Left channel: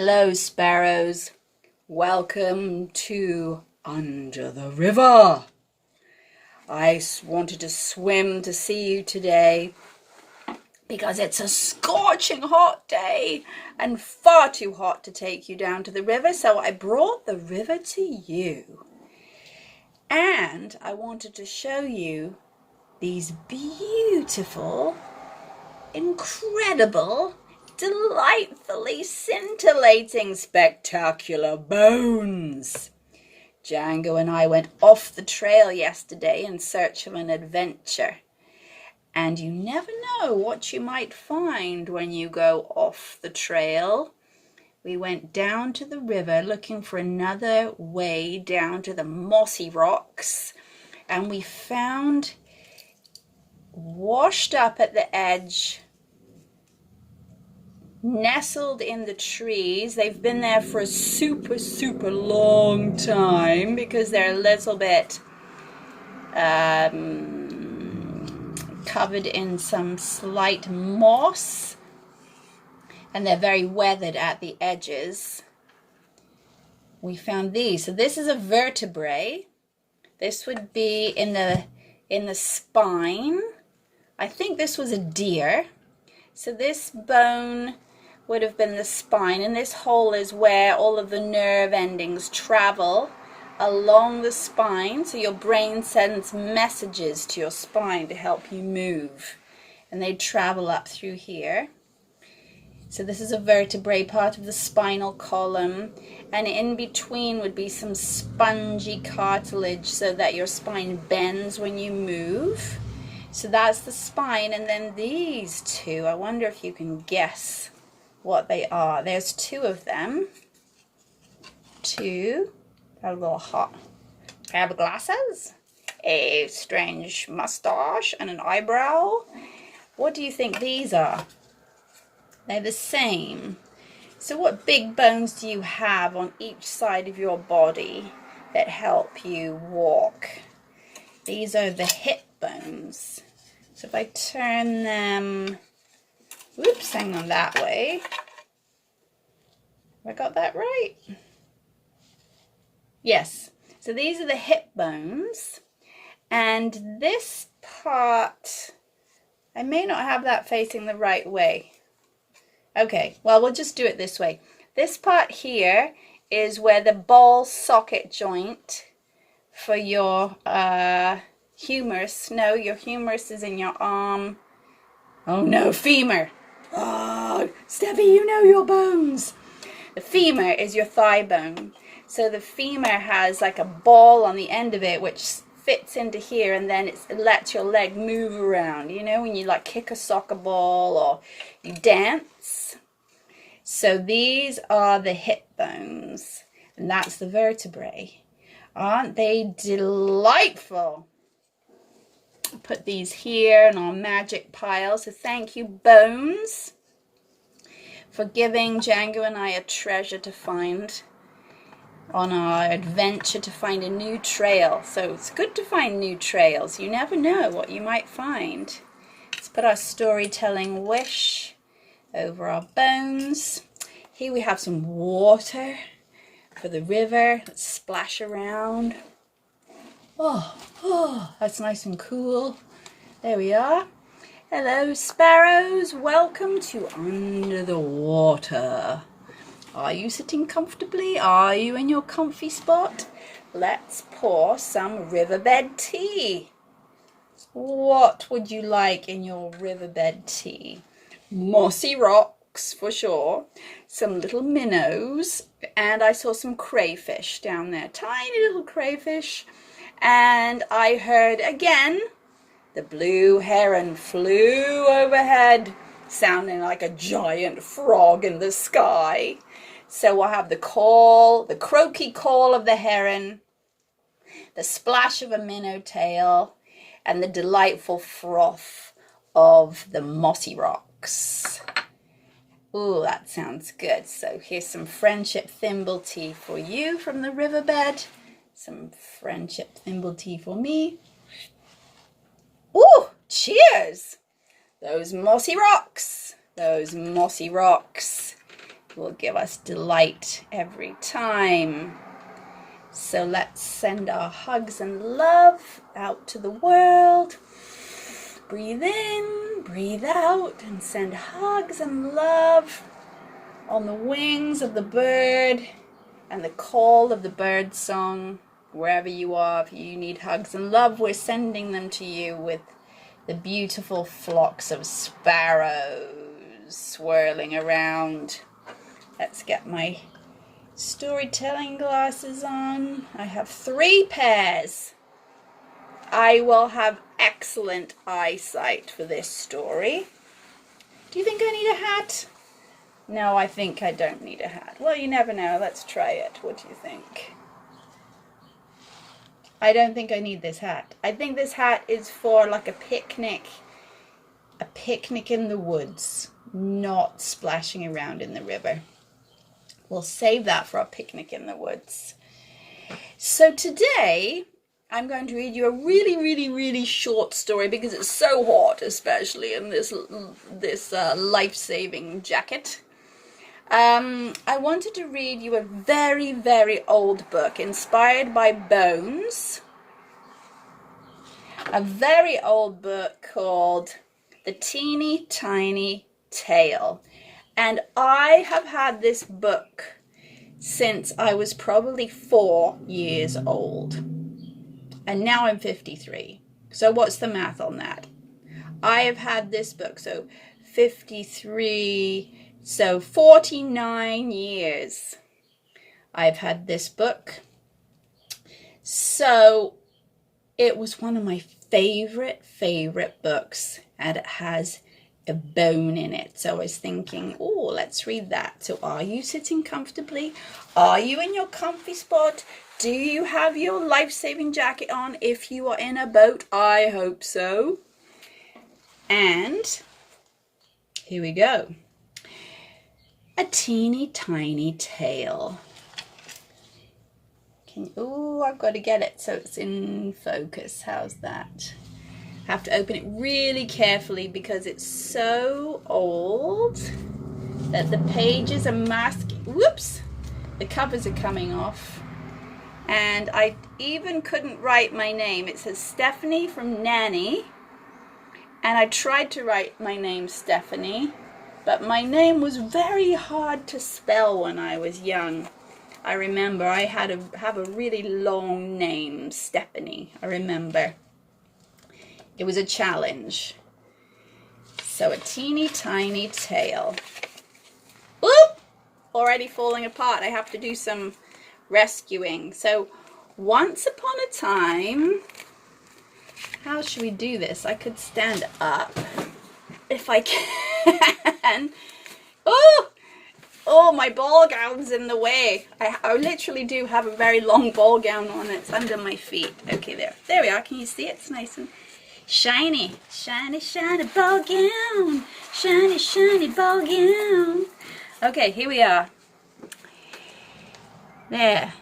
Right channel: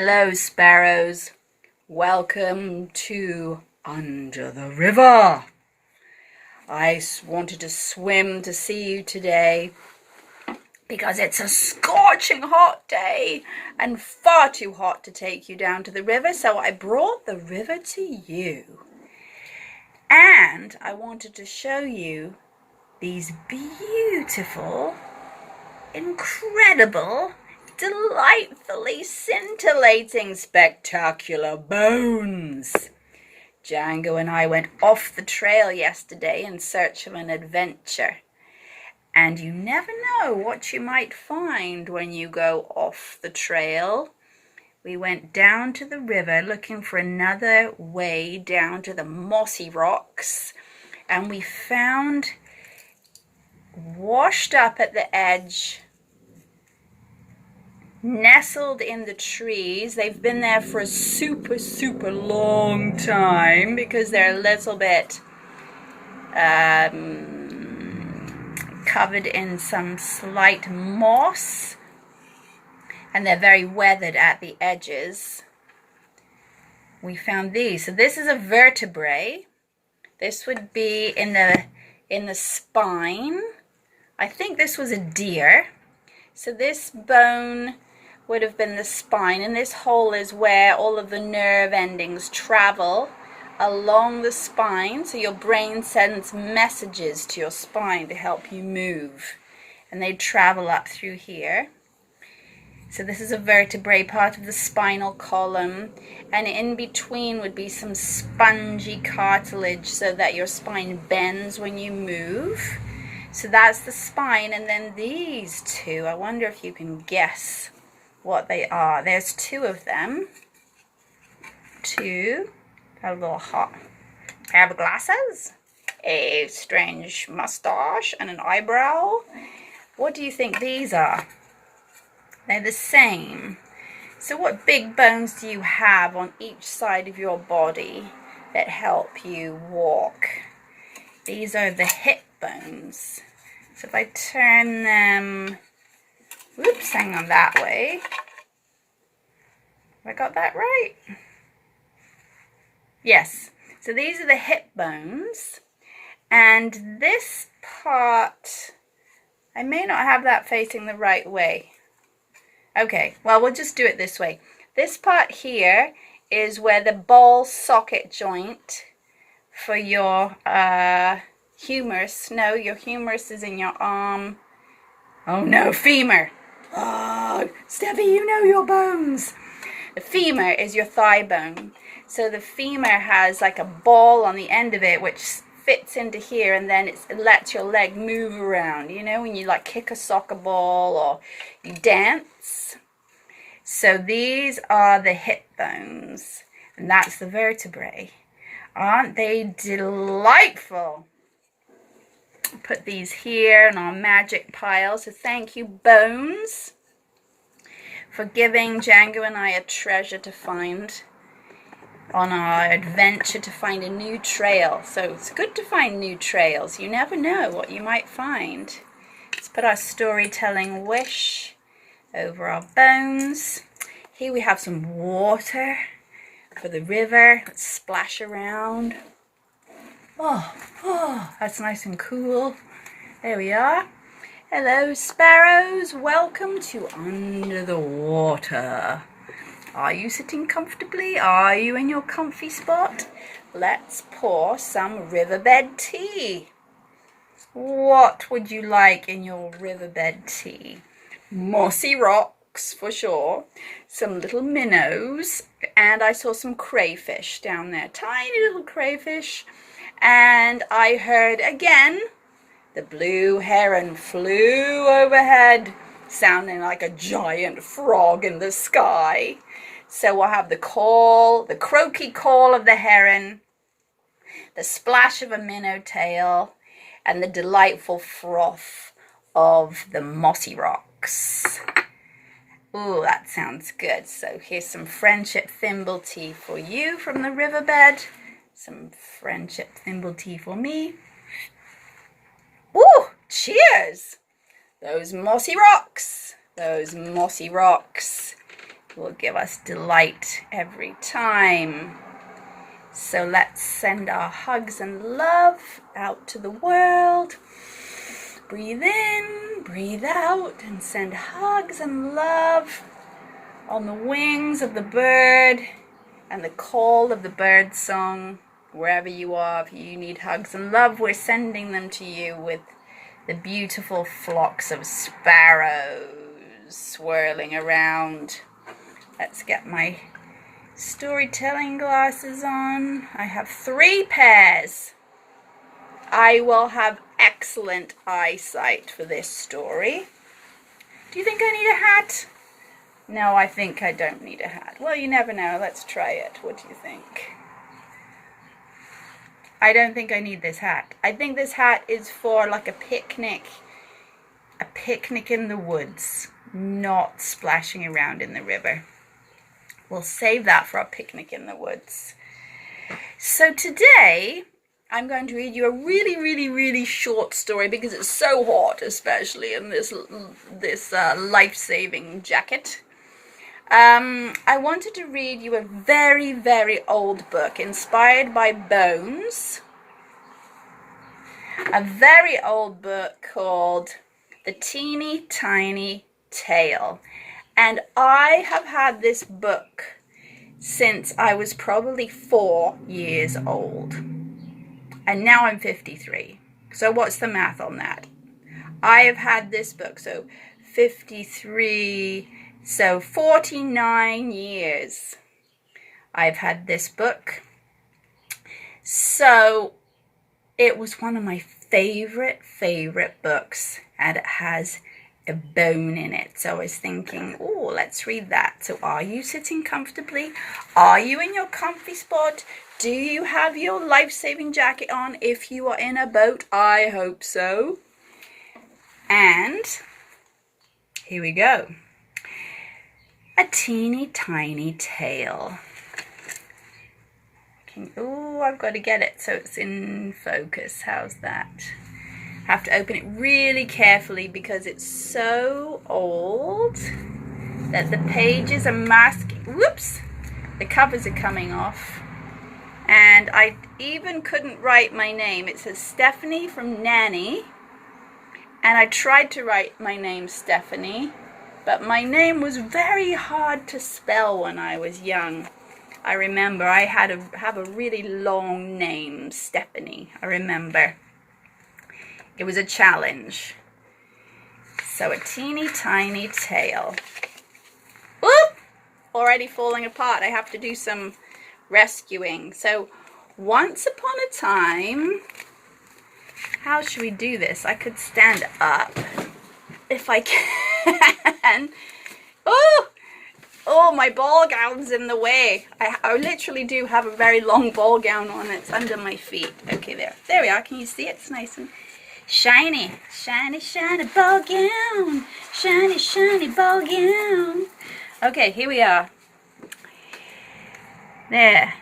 Hello, sparrows. Welcome to Under the River. I wanted to swim to see you today because it's a scorching hot day and far too hot to take you down to the river, so I brought the river to you. And I wanted to show you these beautiful, incredible, delightfully scintillating, spectacular bones. Django and I went off the trail yesterday in search of an adventure. And you never know what you might find when you go off the trail. We went down to the river looking for another way down to the mossy rocks. And we found, washed up at the edge, nestled in the trees. They've been there for a super long time because they're a little bit covered in some slight moss, and they're very weathered at the edges. We found these. So this is a vertebrae. This would be in the spine. I think this was a deer. So this bone would have been the spine, and this hole is where all of the nerve endings travel along the spine. So your brain sends messages to your spine to help you move, and they travel up through here. So this is a vertebrae, part of the spinal column, and in between would be some spongy cartilage so that your spine bends when you move. So that's the spine. And then these two, I wonder if you can guess what they are. There's two of them. Two. Got a little hot pair of glasses, a strange mustache, and an eyebrow. What do you think these are? They're the same. So what big bones do you have on each side of your body that help you walk? These are the hip bones. So if I turn them, whoops, hang on, that way. Have I got that right? Yes. So these are the hip bones. And this part, I may not have that facing the right way. Okay, well, we'll just do it this way. This part here is where the ball socket joint for your humerus. No, your humerus is in your arm. Oh no, femur. Oh, Steffi, you know your bones. The femur is your thigh bone. So the femur has like a ball on the end of it which fits into here, and then it lets your leg move around. You know, when you like kick a soccer ball or you dance. So these are the hip bones, and that's the vertebrae. Aren't they delightful? Put these here in our magic pile. So thank you, bones, for giving Django and I a treasure to find on our adventure to find a new trail. So it's good to find new trails. You never know what you might find. Let's put our storytelling wish over our bones. Here we have some water for the river. Let's splash around. Oh, that's nice and cool. There we are. Hello, sparrows. Welcome to Under the Water. Are you sitting comfortably? Are you in your comfy spot? Let's pour some riverbed tea. What would you like in your riverbed tea? Mossy rocks, for sure. Some little minnows. And I saw some crayfish down there. Tiny little crayfish. And I heard again, the blue heron flew overhead, sounding like a giant frog in the sky. So we'll have the call, the croaky call of the heron, the splash of a minnow tail, and the delightful froth of the mossy rocks. Ooh, that sounds good. So here's some friendship thimble tea for you from the riverbed. Some friendship thimble tea for me. Ooh, cheers! Those mossy rocks. will give us delight every time. So let's send our hugs and love out to the world. Breathe in, breathe out, and send hugs and love on the wings of the bird and the call of the bird song. Wherever you are, if you need hugs and love, we're sending them to you with the beautiful flocks of sparrows swirling around. Let's get my storytelling glasses on. I have 3 pairs. I will have excellent eyesight for this story. Do you think I need a hat? No, I think I don't need a hat. Well, you never know. Let's try it. What do you think? I don't think I need this hat. I think this hat is for like a picnic in the woods, not splashing around in the river. We'll save that for our picnic in the woods. So today, I'm going to read you a really short story because it's so hot, especially in this life-saving jacket. I wanted to read you a very old book inspired by bones. A very old book called The Teeny Tiny Tale. And I have had this book since I was probably 4 years old. And now I'm 53. So what's the math on that? I have had this book, so 53, so 49 years I've had this book. So it was one of my favorite books, and it has a bone in it. So I was thinking, oh, let's read that. So are you sitting comfortably? Are you in your comfy spot? Do you have your life-saving jacket on if you are in a boat? I hope so. And here we go. A Teeny Tiny Tale. Oh, I've got to get it so it's in focus. How's that? I have to open it really carefully because it's so old that the pages are masking. Whoops! The covers are coming off. And I even couldn't write my name. It says Stephanie from Nanny. And I tried to write my name Stephanie, but my name was very hard to spell when I was young. I remember I had to have a really long name, Stephanie. I remember. It was a challenge. So A Teeny Tiny Tale. Oop! Already falling apart. I have to do some rescuing. So once upon a time, how should we do this? I could stand up if I can. Oh, my ball gown's in the way. I literally do have a very long ball gown on. It's under my feet. Okay, there we are. Can you see it? It's nice and shiny. Shiny ball gown. Shiny ball gown. Okay, here we are. There.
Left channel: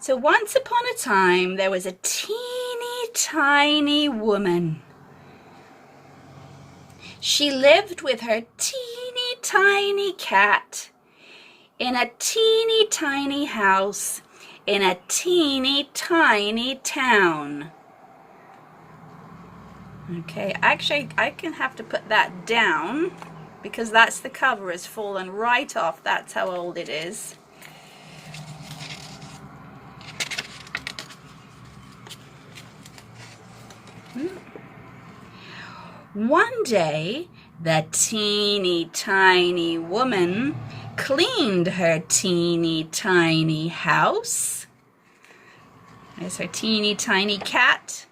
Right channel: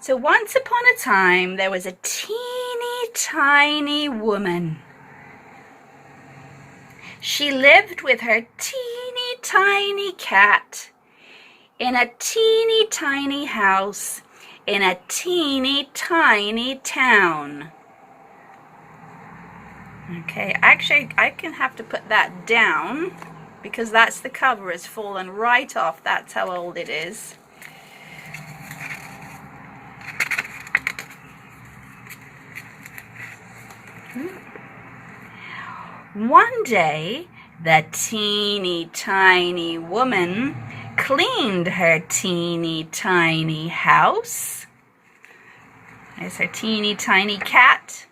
So once upon a time, there was a teeny tiny woman. She lived with her teeny tiny cat in a teeny tiny house in a teeny tiny town. Okay, actually I can have to put that down because that's the cover has fallen right off. That's how old it is. One day, the teeny tiny woman cleaned her teeny tiny house. There's her teeny tiny cat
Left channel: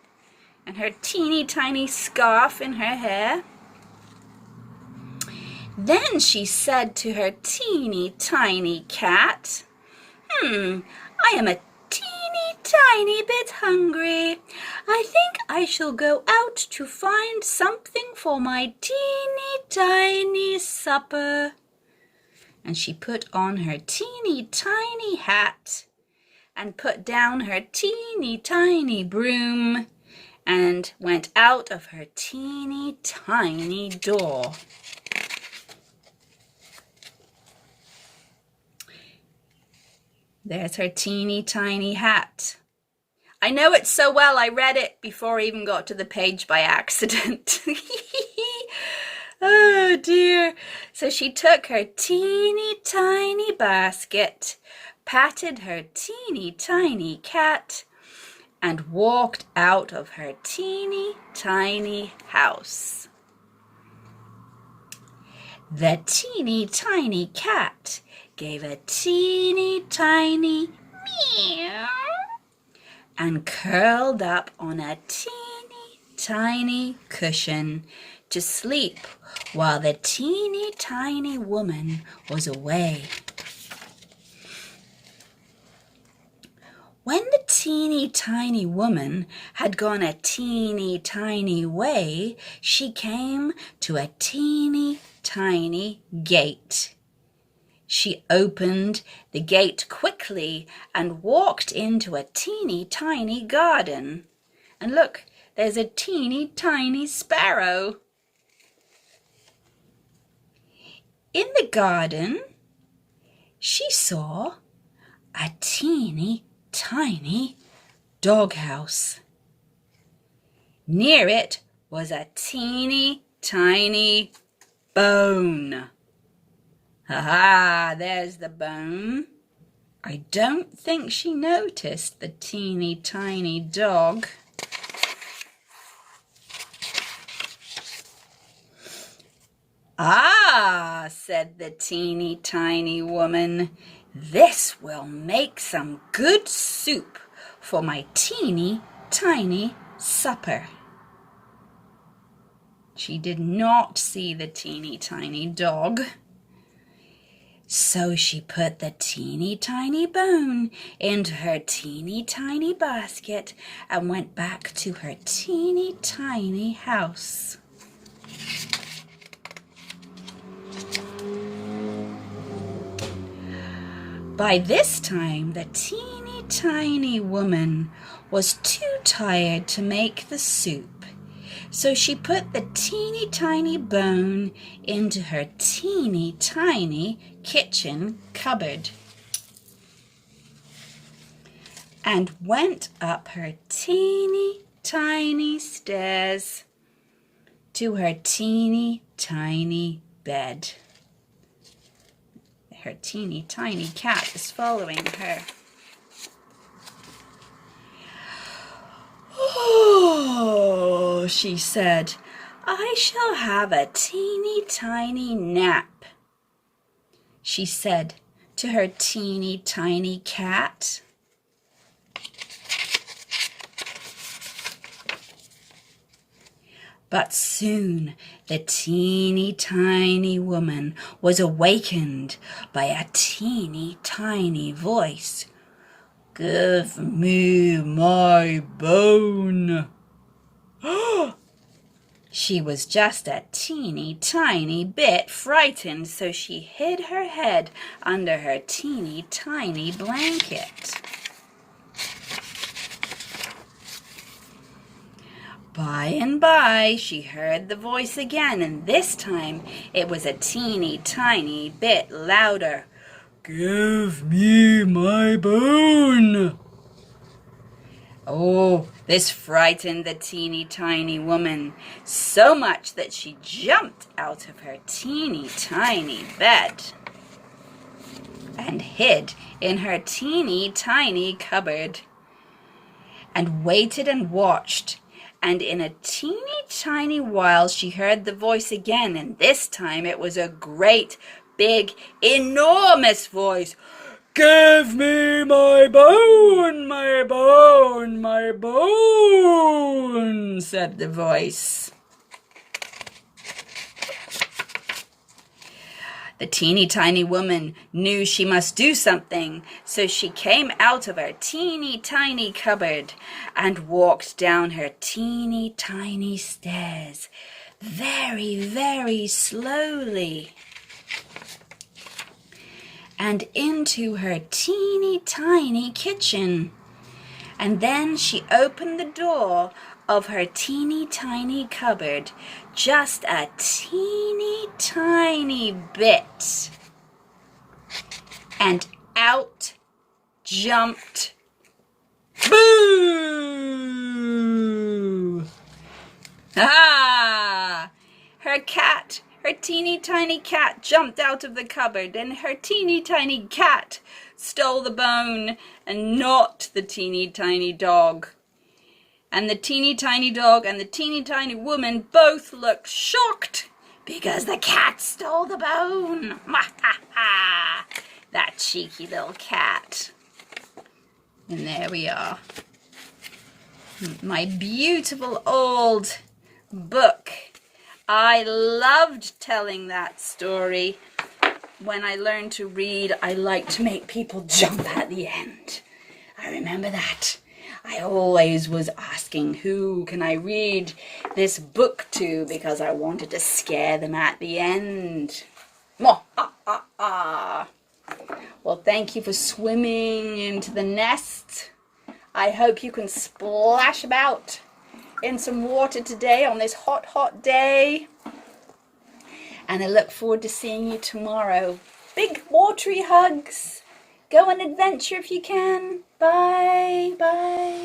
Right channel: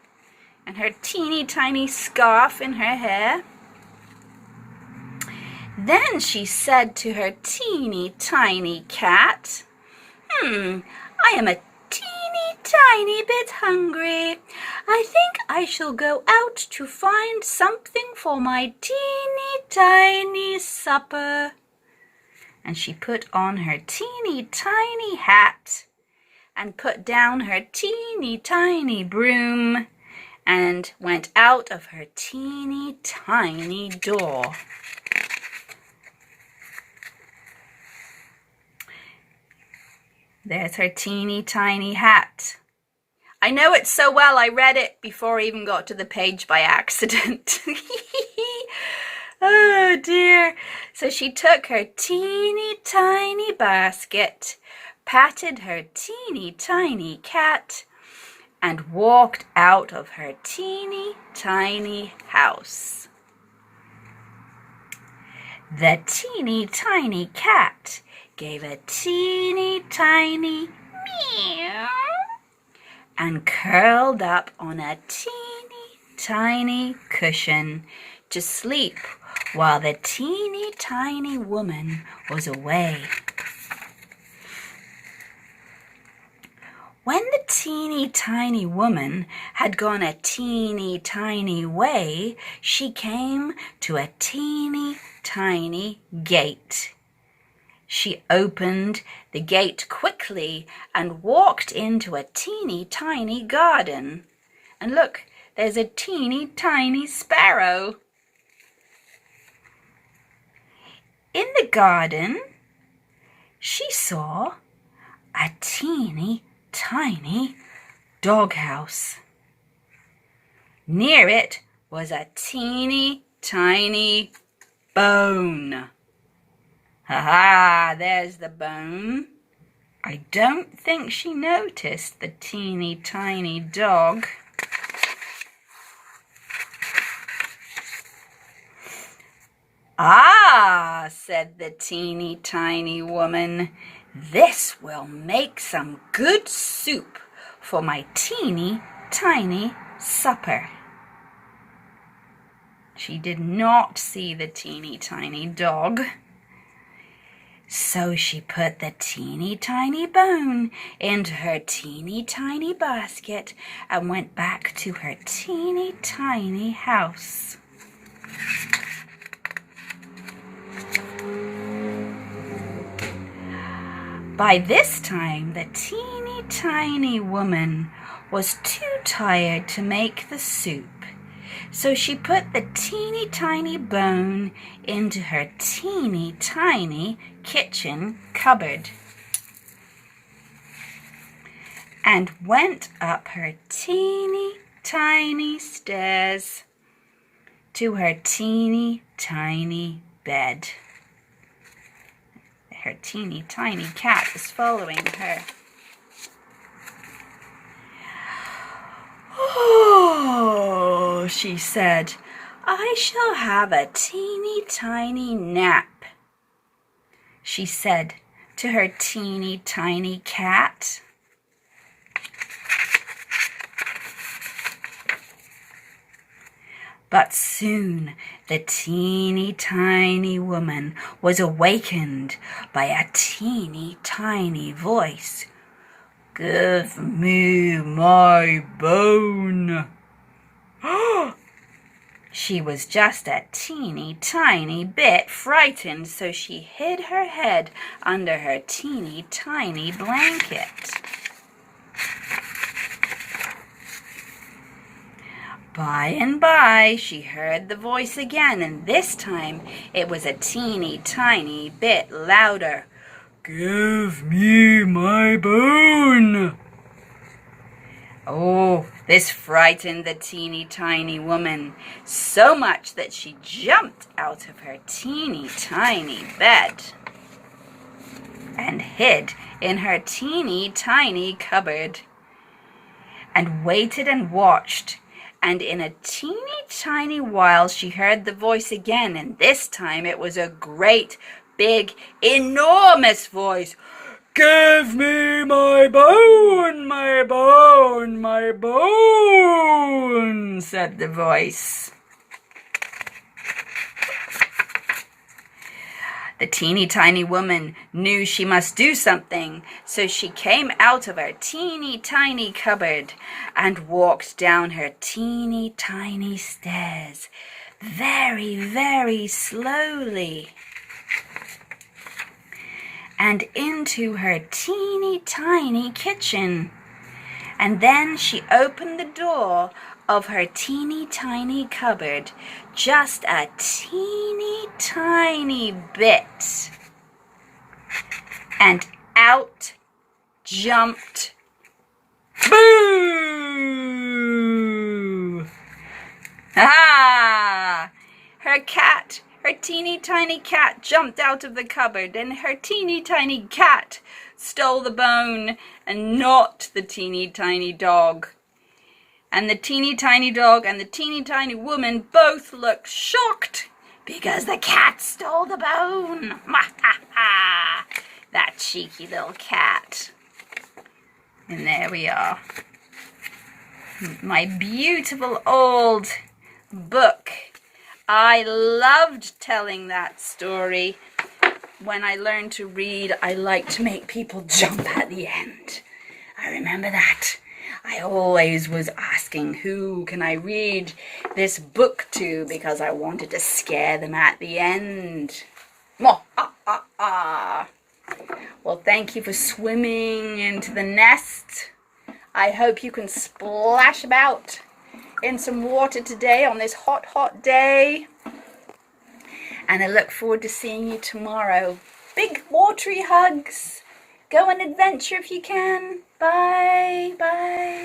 and her teeny tiny scarf in her hair. Then she said to her teeny tiny cat, I am a teeny tiny bit hungry. I think I shall go out to find something for my teeny tiny supper. And she put on her teeny tiny hat and put down her teeny tiny broom and went out of her teeny tiny door. There's her teeny tiny hat. I know it so well, I read it before I even got to the page by accident. Oh dear. So she took her teeny tiny basket, patted her teeny tiny cat, and walked out of her teeny tiny house. The teeny tiny cat gave a teeny tiny meow and curled up on a teeny tiny cushion to sleep while the teeny tiny woman was away. When the teeny tiny woman had gone a teeny tiny way, she came to a teeny tiny gate. She opened the gate quickly and walked into a teeny tiny garden. And look, there's a teeny tiny sparrow. In the garden, she saw a teeny tiny doghouse. Near it was a teeny tiny bone. Ha-ha, there's the bone. I don't think she noticed the teeny tiny dog. Ah, said the teeny tiny woman, this will make some good soup for my teeny tiny supper. She did not see the teeny tiny dog. So she put the teeny tiny bone into her teeny tiny basket and went back to her teeny tiny house. By this time, the teeny tiny woman was too tired to make the soup, so she put the teeny tiny bone into her teeny tiny kitchen cupboard and went up her teeny tiny stairs to her teeny tiny bed. Her teeny tiny cat is following her. Oh, she said, I shall have a teeny tiny nap, she said to her teeny tiny cat. But soon the teeny tiny woman was awakened by a teeny tiny voice. Give me my bone. She was just a teeny tiny bit frightened, so she hid her head under her teeny tiny blanket. By and by, she heard the voice again, and this time it was a teeny tiny bit louder. Give me my bone. Oh, this frightened the teeny tiny woman so much that she jumped out of her teeny tiny bed and hid in her teeny tiny cupboard and waited and watched. And in a teeny tiny while she heard the voice again, and this time it was a great, big, enormous voice. Give me my bone, my bone, my bone, said the voice. The teeny tiny woman knew she must do something, so she came out of her teeny tiny cupboard and walked down her teeny tiny stairs very, very slowly and into her teeny tiny kitchen. And then she opened the door of her teeny tiny cupboard just a teeny tiny bit. And out jumped. Boo! Ah! Her teeny tiny cat jumped out of the cupboard, and her teeny tiny cat stole the bone and not the teeny tiny dog. And the teeny tiny dog and the teeny tiny woman both looked shocked because the cat stole the bone. That cheeky little cat. And there we are. My beautiful old book. I loved telling that story. When I learned to read, I liked to make people jump at the end. I remember that. I always was asking, who can I read this book to? Because I wanted to scare them at the end. Well, thank you for swimming into the nest. I hope you can splash about in some water today on this hot, hot day. And I look forward to seeing you tomorrow. Big watery hugs. Go on adventure if you can. Bye. Bye.